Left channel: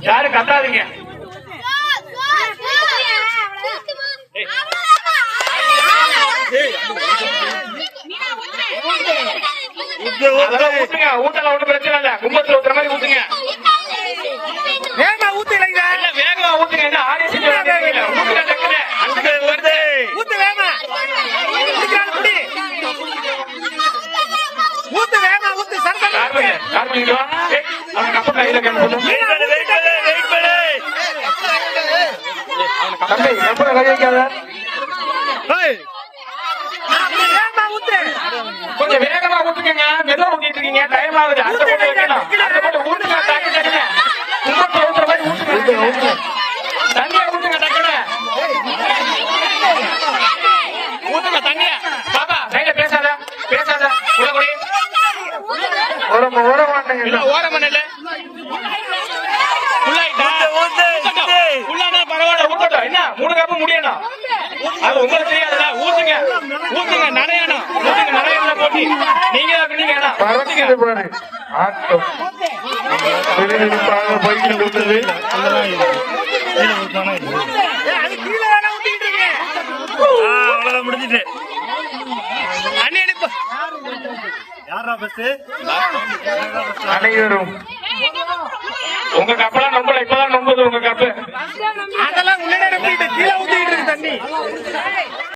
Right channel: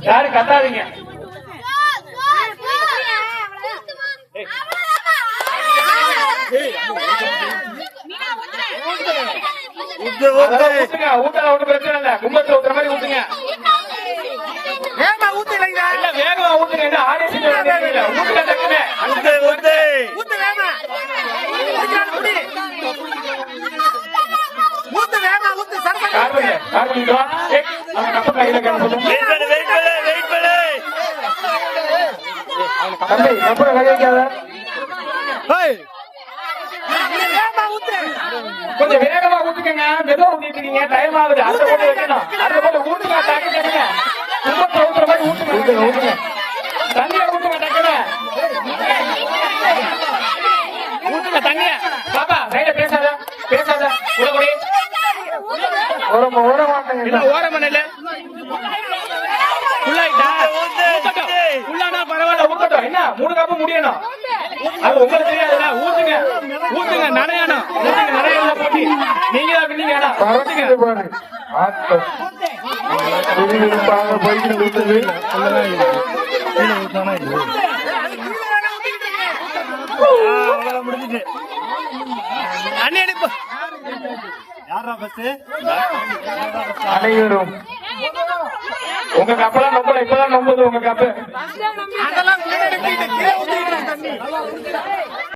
யாரும் கத்தாதீங்க. ஊத்துங்க, ஊத்தல ஒண்ணு பிரச்சனை இல்ல. கும்பத்துல ஊத்துற மாதிரி ஊத்துங்க. வேகமா ஊத்துங்க, வேகமா ஊத்துங்க. ஆடியோ செஞ்சு ஊத்துங்க, டக்குனு ஊத்து வேகமா. ஊத்து வேகமா ஊத்து. கார்பன் கப்ப கையில தம்பி கப்பல கை வைக்காத. கொஞ்சம் வேகமா ஊத்துக்கங்க. மெதுவா ஊத்திட்டு இருக்கீங்க. டைம் ஆகுது. அடுத்த போட்டு வைக்கணும். அடுத்த போட்டு ஊத்துங்க. டக்கு டக்குங்க. கும்பத்துல ஊத்துற மாதிரி ஊத்துங்க. தண்ணிய ஊத்துங்க டக்குனு. ஊத்துங்க தண்ணிய. பாப்பா கையில பேசாத பேசாத. உடம்படி ஓர மாட்டேங்க. ஓர மண்ணில என்ன 3 கப்பு முடியணும். அது உங்களுக்கு தெரியாதுல்ல. ஊத்துங்க ஊத்துங்க. நனையணும். ஊத்துங்க நனையணும். போட்டி நீங்க தான் பாரு. ஆட்டம் விறுவிறுப்பாக போய்கிட்டு முடிஞ்சிட்டு அனைவரும் உங்க கப்பெல்லாம் நம்பல. இப்பதான் நம்புது உங்க கப்பு.